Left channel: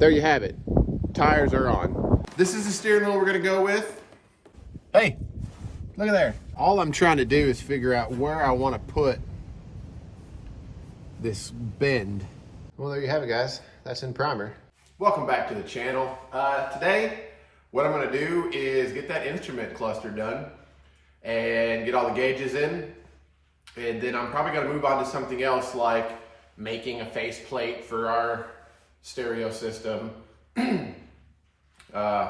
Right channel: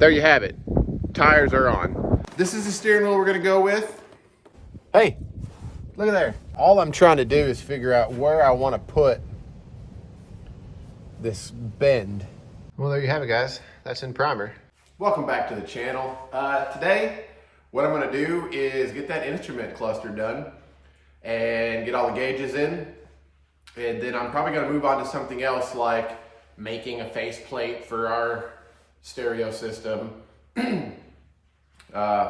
there you have it. Tires are on. This is the steering wheel we're gonna go with. Hey, look at there. All I'm trying to do is figure out where I want to put this bend. Well, there you have it, guys. That's in primer. Welcome back to the channel. Today, what I'm gonna do is get that instrument cluster done and get all the gauges in. And then I'm probably gonna move on to something else, like making a faceplate for our stereo system. I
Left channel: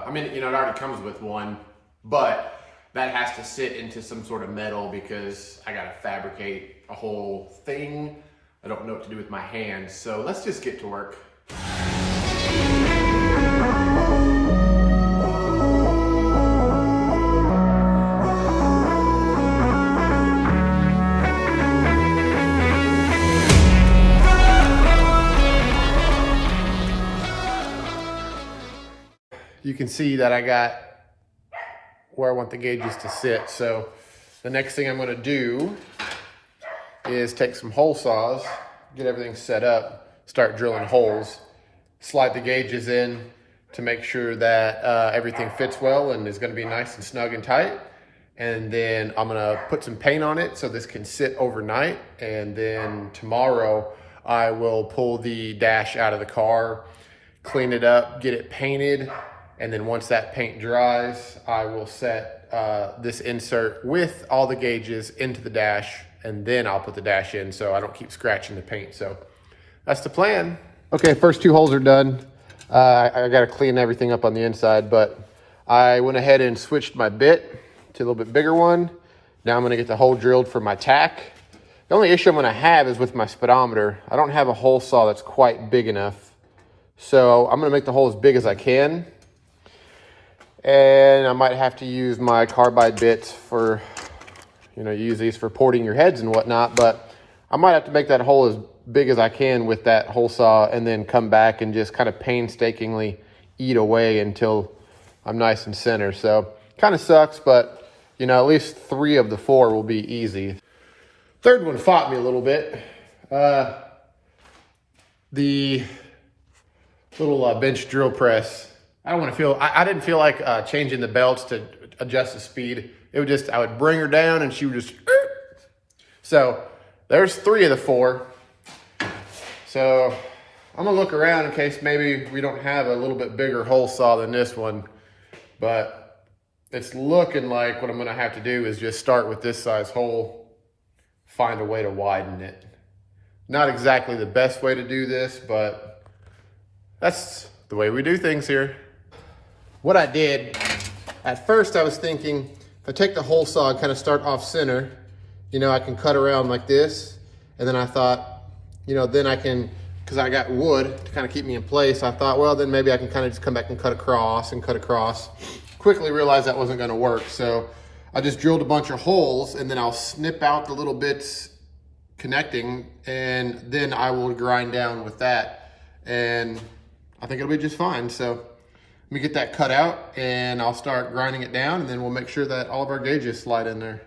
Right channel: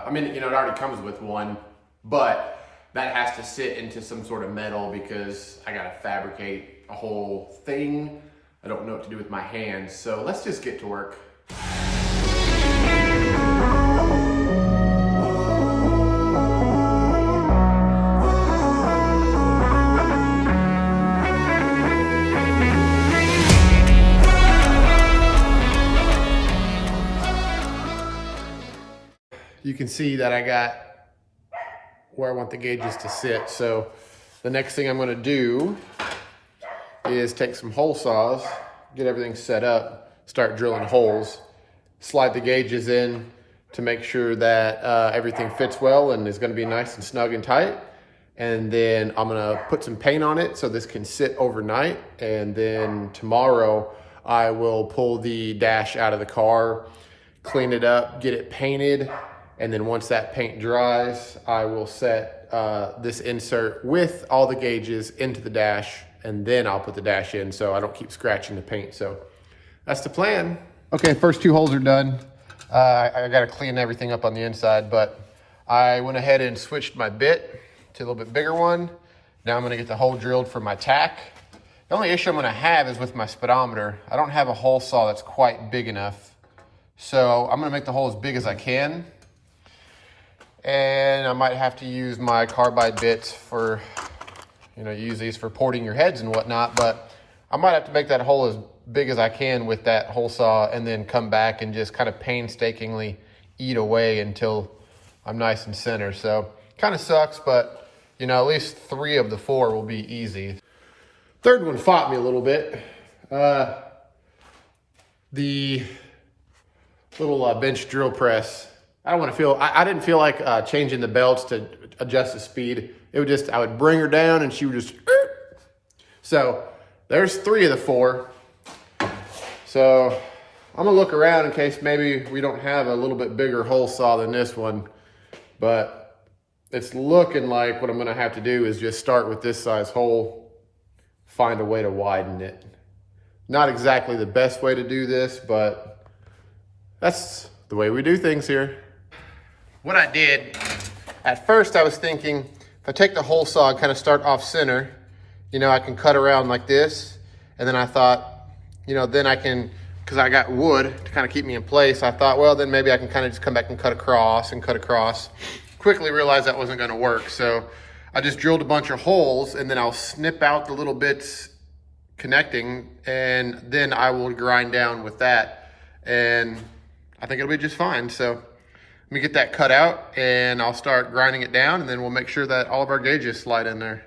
mean, it already comes with one, but that has to sit into some sort of metal because I gotta fabricate a whole thing. I don't know what to do with my hands, so let's just get to work. You can see that I got where I want the gauges to sit. So the next thing I'm gonna do is take some hole saws, get everything set up, start drilling holes, slide the gauges in to make sure that everything fits well and is gonna be nice and snug and tight. And then I'm gonna put some paint on it so this can sit overnight. And then tomorrow I will pull the dash out of the car, clean it up, get it painted. And then once that paint dries, I will set this insert with all the gauges into the dash, and then I'll put the dash in so I don't keep scratching the paint. So that's the plan. Okay, first two holes are done. I gotta clean everything up on the inside, but I went ahead and switched my bit to a little bit bigger one. Now I'm gonna get the hole drilled for my tack. The only issue I'm gonna have is with my speedometer. I don't have a hole saw that's quite big enough. So I'm gonna make the hole as big as I can. And I might have to use my carbide bits for, you use these for porting your heads and whatnot, but I might have to make that hole as big as I can with that hole saw and then come back and just kind of painstakingly eat away until I'm nice and center. So kind of sucks, but at least 3 of the 4 will be easy. Third one fought me a little bit. The little bench drill press. I didn't feel like changing the belts to adjust the speed. It would just, I would bring her down and she would just, so there's 3 of the 4. So I'm gonna look around in case maybe we don't have a little bit bigger hole saw than this one, but it's looking like what I'm gonna have to do is just start with this size hole, find a way to widen it. Not exactly the best way to do this, but that's the way we do things here. What I did, at first I was thinking, if I take the hole saw and kind of start off center, I can cut around like this. And then I thought, then I can, because I got wood to kind of keep me in place, I thought, well, then maybe I can kind of just come back and cut across and cut across. Quickly realized that wasn't gonna work. So I just drilled a bunch of holes and then I'll snip out the little bits connecting and then I will grind down with that. And I think it'll be just fine. So let me get that cut out and I'll start grinding it down and then we'll make sure that all of our gauges slide in there.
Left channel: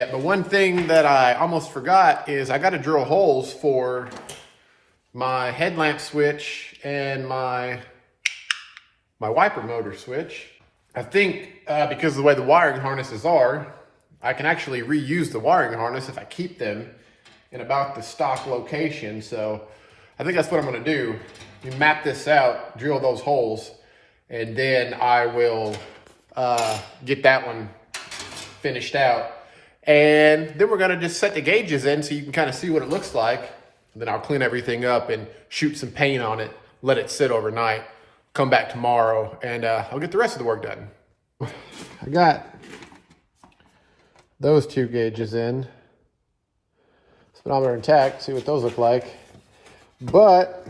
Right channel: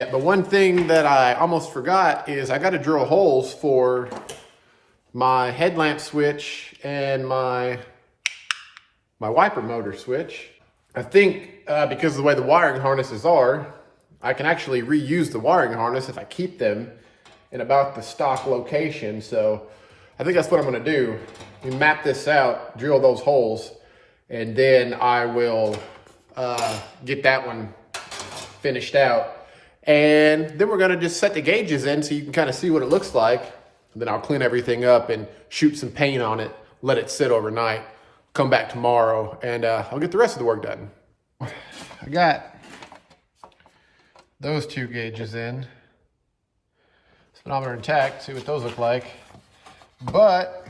The one thing that I almost forgot is I got to drill holes for my headlamp switch and my wiper motor switch. I think because of the way the wiring harnesses are, I can actually reuse the wiring harness if I keep them in about the stock location. So I think that's what I'm gonna do. You map this out, drill those holes, and then I will get that one finished out. And then we're gonna just set the gauges in so you can kind of see what it looks like. And then I'll clean everything up and shoot some paint on it, let it sit overnight, come back tomorrow, and I'll get the rest of the work done. I got those 2 gauges in. Speedometer intact, see what those look like. But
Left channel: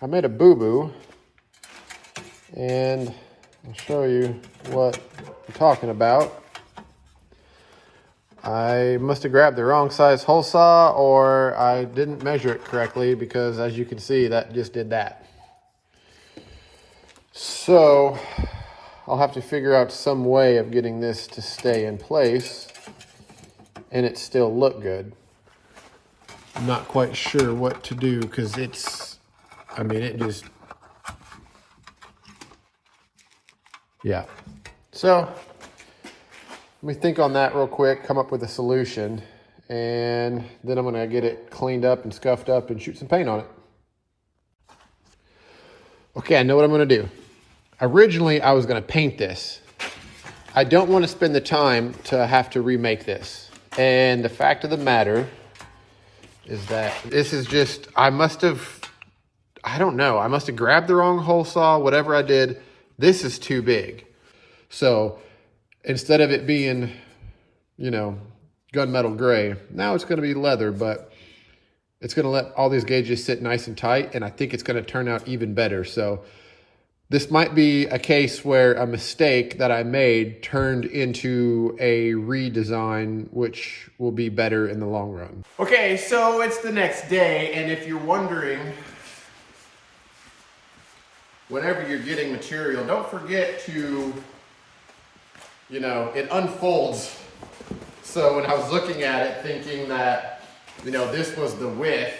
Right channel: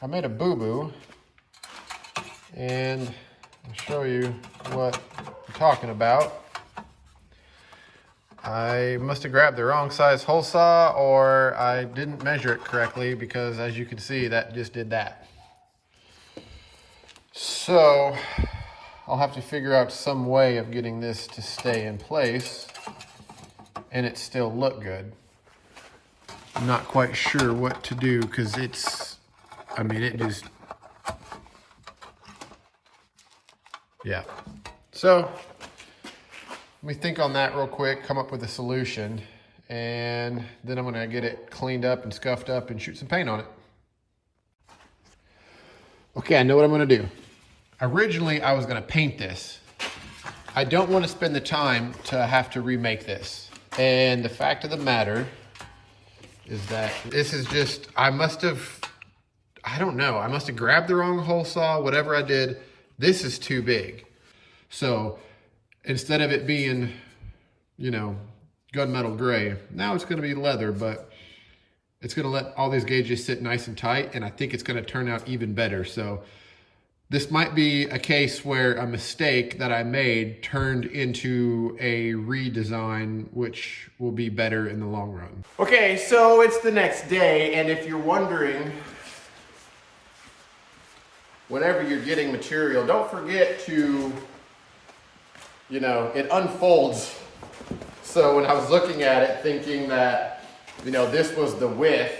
I made a boo-boo, and I'll show you what I'm talking about. I must have grabbed the wrong size hole saw, or I didn't measure it correctly, because as you can see, that just did that. So I'll have to figure out some way of getting this to stay in place and it still look good. I'm not quite sure what to do because it just Yeah. So let me think on that real quick, come up with a solution, and then I'm gonna get it cleaned up and scuffed up and shoot some paint on it. Okay, I know what I'm gonna do. Originally, I was gonna paint this. I don't wanna spend the time to have to remake this. And the fact of the matter is that this is just, I must have grabbed the wrong hole saw, whatever I did. This is too big. So instead of it being, you know, gunmetal gray, now it's gonna be leather, but it's gonna let all these gauges sit nice and tight, and I think it's gonna turn out even better. So this might be a case where a mistake that I made turned into a redesign, which will be better in the long run. Okay, so it's the next day, and if you're wondering, whenever you're getting material, don't forget to, you know, it unfolds. So when I was looking at it thinking that, you know, this was the width,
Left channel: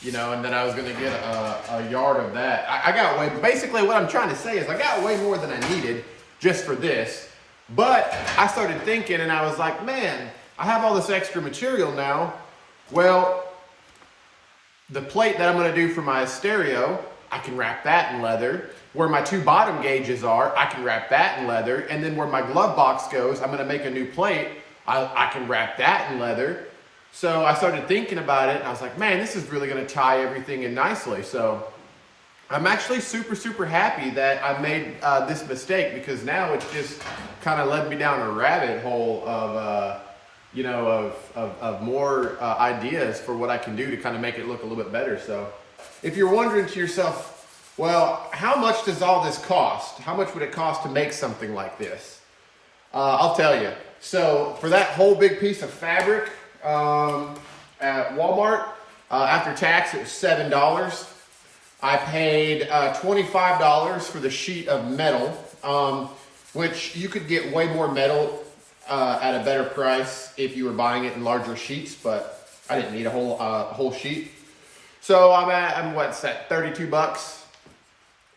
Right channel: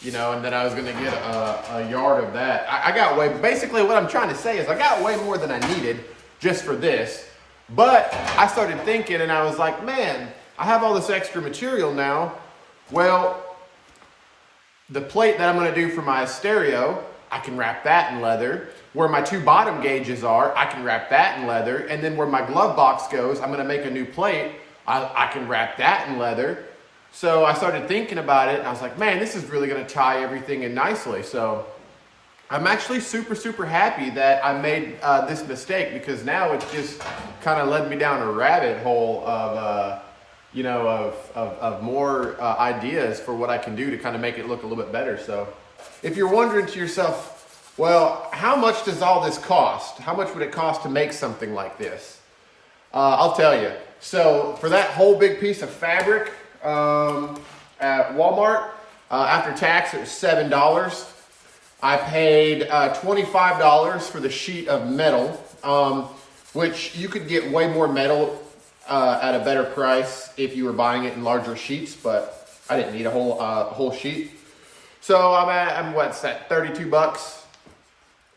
you know, and then I was gonna get a yard of that. I got way, basically what I'm trying to say is I got way more than I needed just for this. But I started thinking and I was like, man, I have all this extra material now. Well, the plate that I'm gonna do for my stereo, I can wrap that in leather. Where my two bottom gauges are, I can wrap that in leather. And then where my glove box goes, I'm gonna make a new plate. I can wrap that in leather. So I started thinking about it and I was like, man, this is really gonna tie everything in nicely. So I'm actually super, super happy that I made this mistake, because now it's just kind of led me down a rabbit hole of, you know, of more ideas for what I can do to kind of make it look a little bit better. So if you're wondering to yourself, well, how much does all this cost? How much would it cost to make something like this? I'll tell you. So for that whole big piece of fabric at Walmart, after tax, it was $7. I paid $25 for the sheet of metal, which you could get way more metal at a better price if you were buying it in larger sheets, but I didn't need a whole sheet. So I'm what's that, 32 bucks.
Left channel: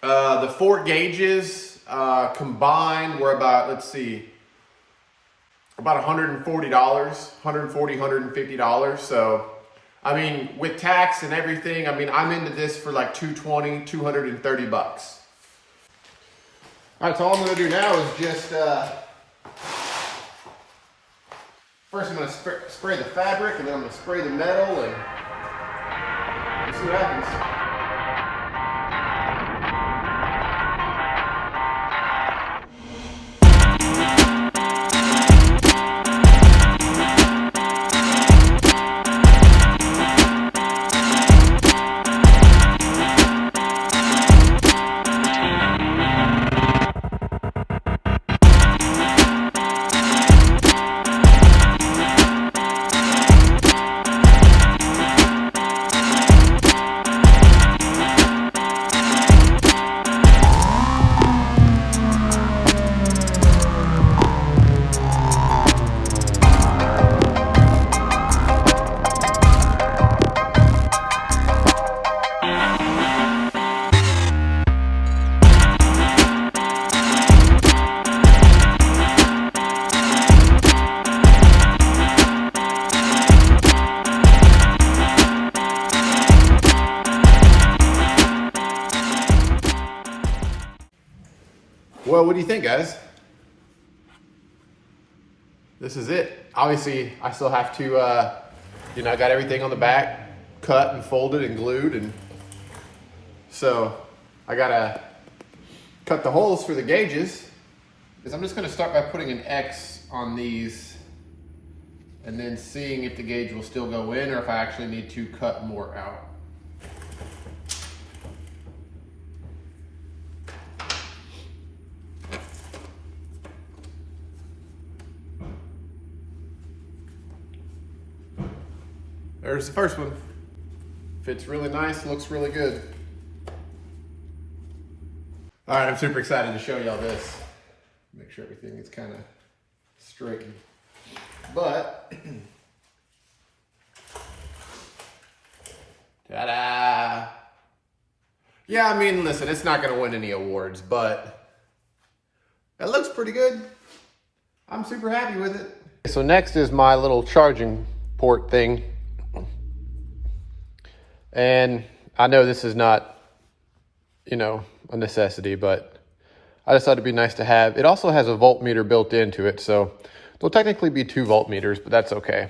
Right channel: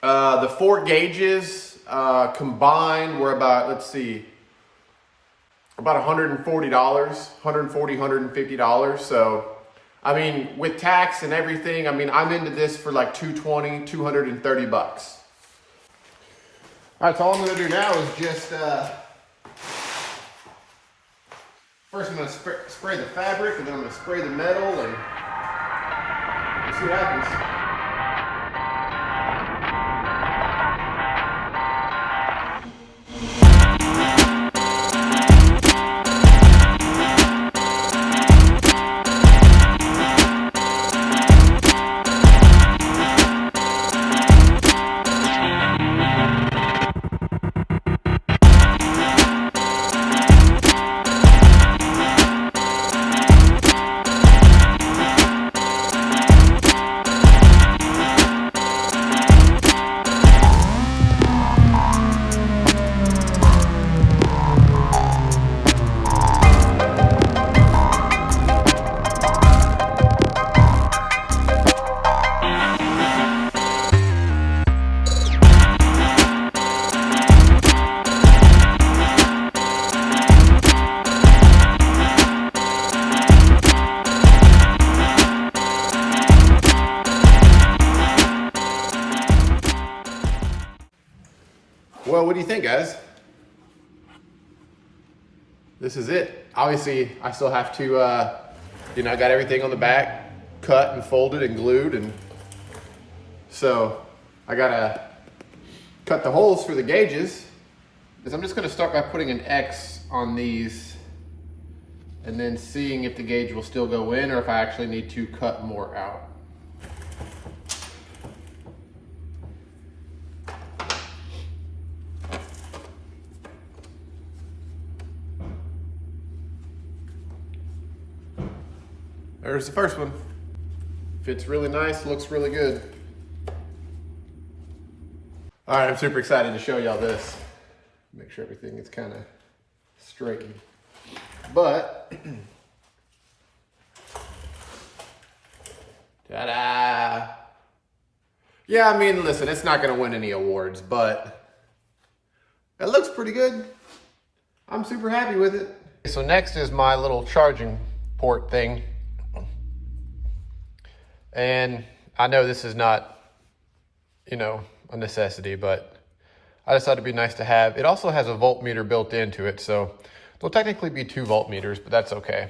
The 4 gauges combined were about, let's see, about $140, $150. So, I mean, with tax and everything, I mean, I'm into this for like $220, 230 bucks. All right, so all I'm gonna do now is just, first I'm gonna spray the fabric, and then I'm gonna spray the metal, and we'll see what happens. Well, what do you think, guys? This is it. Obviously, I still have to, you know, I got everything on the back cut and folded and glued, and so I gotta cut the holes for the gauges. Because I'm just gonna start by putting an X on these and then seeing if the gauge will still go in or if I actually need to cut more out. There's the first one. Fits really nice, looks really good. All right, I'm super excited to show y'all this. Make sure everything is kind of straightened. But, ta-da! Yeah, I mean, listen, it's not gonna win any awards, but It looks pretty good. I'm super happy with it. So next is my little charging port thing. And I know this is not, you know, a necessity, but I just thought it'd be nice to have. It also has a voltmeter built into it, so there'll technically be 2 voltmeters, but that's okay.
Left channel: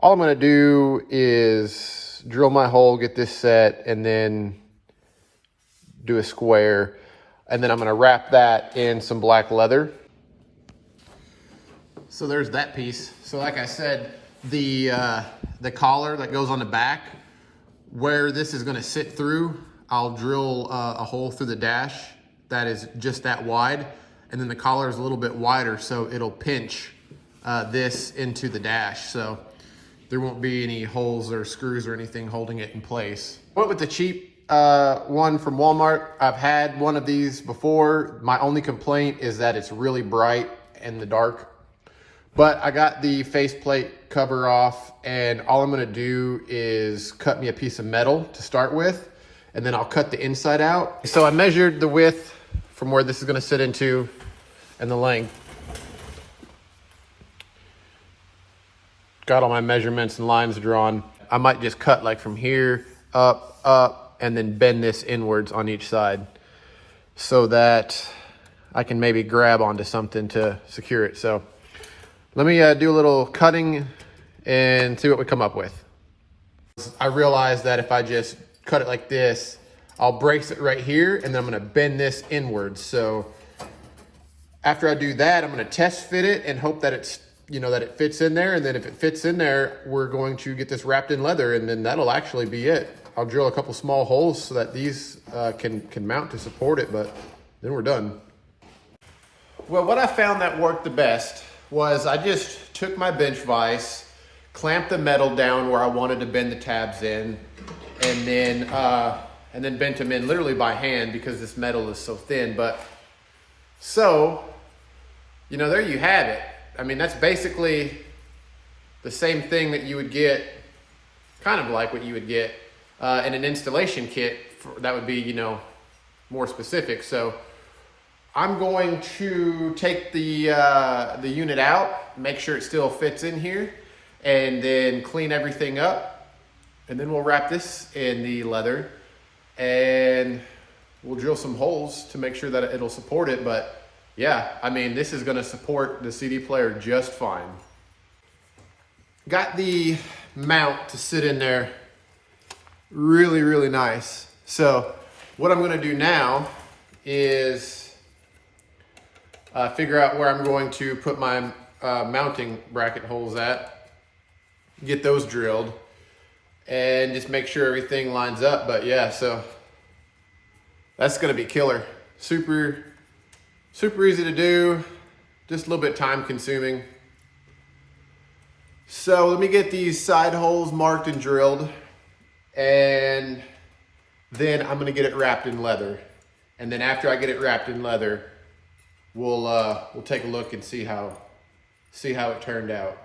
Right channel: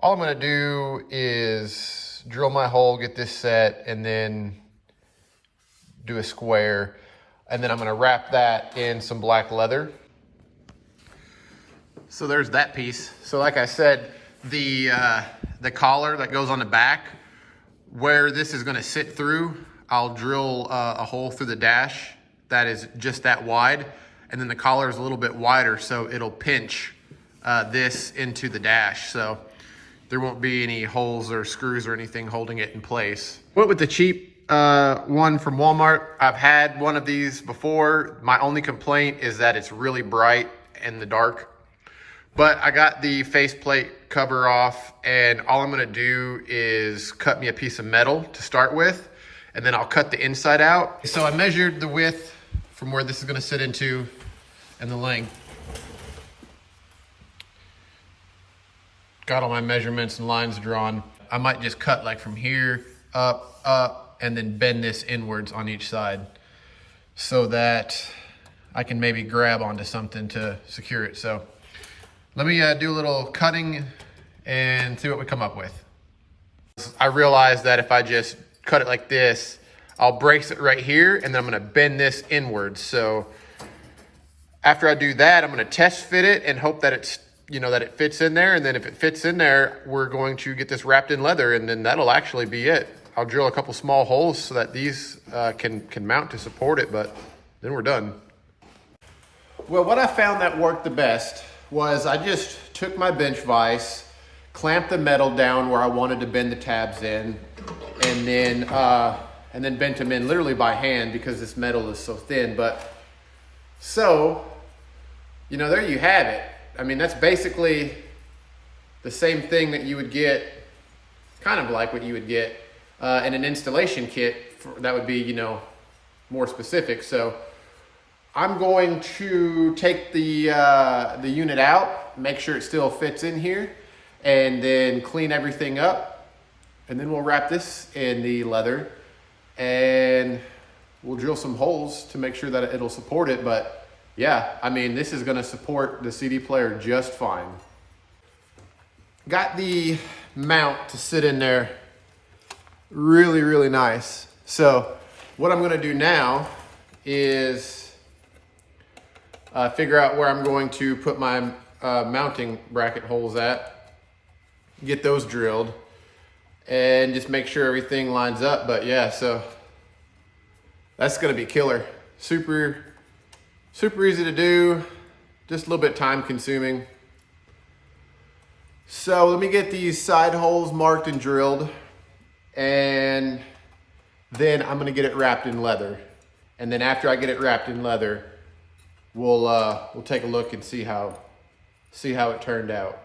All I'm gonna do is drill my hole, get this set, and then do a square. And then I'm gonna wrap that in some black leather. So there's that piece. So like I said, the collar that goes on the back, where this is gonna sit through, I'll drill a hole through the dash that is just that wide. And then the collar is a little bit wider, so it'll pinch this into the dash. So there won't be any holes or screws or anything holding it in place. Went with the cheap one from Walmart. I've had one of these before. My only complaint is that it's really bright in the dark. But I got the faceplate cover off, and all I'm gonna do is cut me a piece of metal to start with, and then I'll cut the inside out. So I measured the width from where this is gonna sit into and the length. Got all my measurements and lines drawn. I might just cut like from here, up, and then bend this inwards on each side so that I can maybe grab onto something to secure it. So let me do a little cutting and see what we come up with. I realized that if I just cut it like this, I'll brace it right here, and then I'm gonna bend this inwards. So after I do that, I'm gonna test fit it and hope that it's, you know, that it fits in there. And then if it fits in there, we're going to get this wrapped in leather, and then that'll actually be it. I'll drill a couple small holes so that these can mount to support it, but then we're done. Well, what I found that worked the best was I just took my bench vise, clamped the metal down where I wanted to bend the tabs in, and then bent them in literally by hand because this metal is so thin. But so, you know, there you have it. I mean, that's basically the same thing that you would get, kind of like what you would get in an installation kit that would be, you know, more specific. So I'm going to take the unit out, make sure it still fits in here, and then clean everything up. And then we'll wrap this in the leather, and we'll drill some holes to make sure that it'll support it. But yeah, I mean, this is gonna support the CD player just fine. Got the mount to sit in there really, really nice. So what I'm gonna do now is figure out where I'm going to put my mounting bracket holes at, get those drilled, and just make sure everything lines up. But yeah, so that's gonna be killer. Super easy to do, just a little bit time consuming. So let me get these side holes marked and drilled, and then I'm gonna get it wrapped in leather. And then after I get it wrapped in leather, we'll take a look and see how it turned out.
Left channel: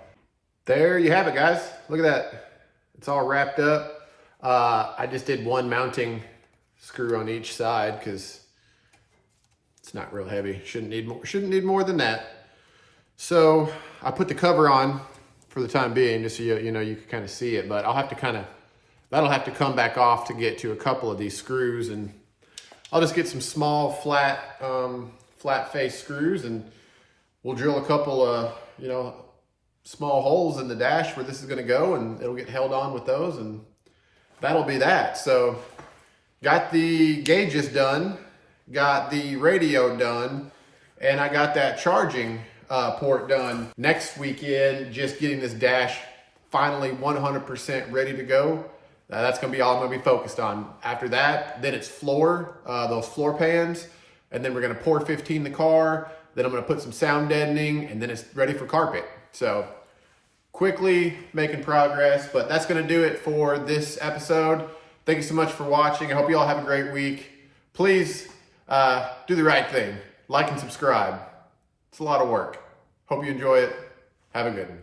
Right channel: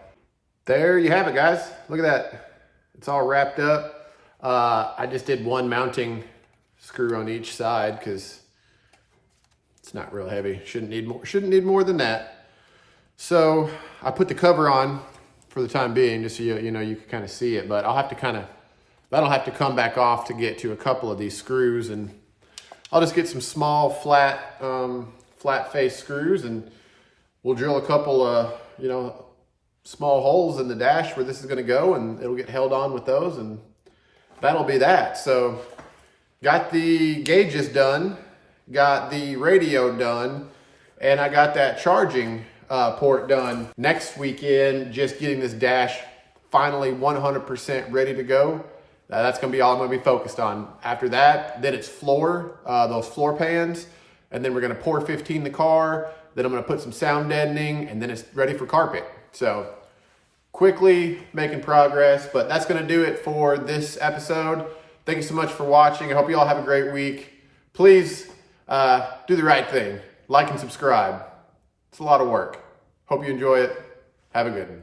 There you have it, guys. Look at that. It's all wrapped up. I just did one mounting screw on each side because it's not real heavy. Shouldn't need more than that. So I put the cover on for the time being, just so you know, you can kind of see it, but that'll have to come back off to get to a couple of these screws, and I'll just get some small flat face screws, and we'll drill a couple of, you know, small holes in the dash where this is gonna go, and it'll get held on with those, and that'll be that. So got the gauges done, got the radio done, and I got that charging port done. Next weekend, just getting this dash finally 100% ready to go. That's gonna be all I'm gonna be focused on. After that, then it's those floor pans, and then we're gonna pour 15 the car, then I'm gonna put some sound deadening, and then it's ready for carpet. So quickly making progress, but that's gonna do it for this episode. Thank you so much for watching. I hope you all have a great week. Please do the right thing. Like and subscribe. It's a lot of work. Hope you enjoy it. Have a good one.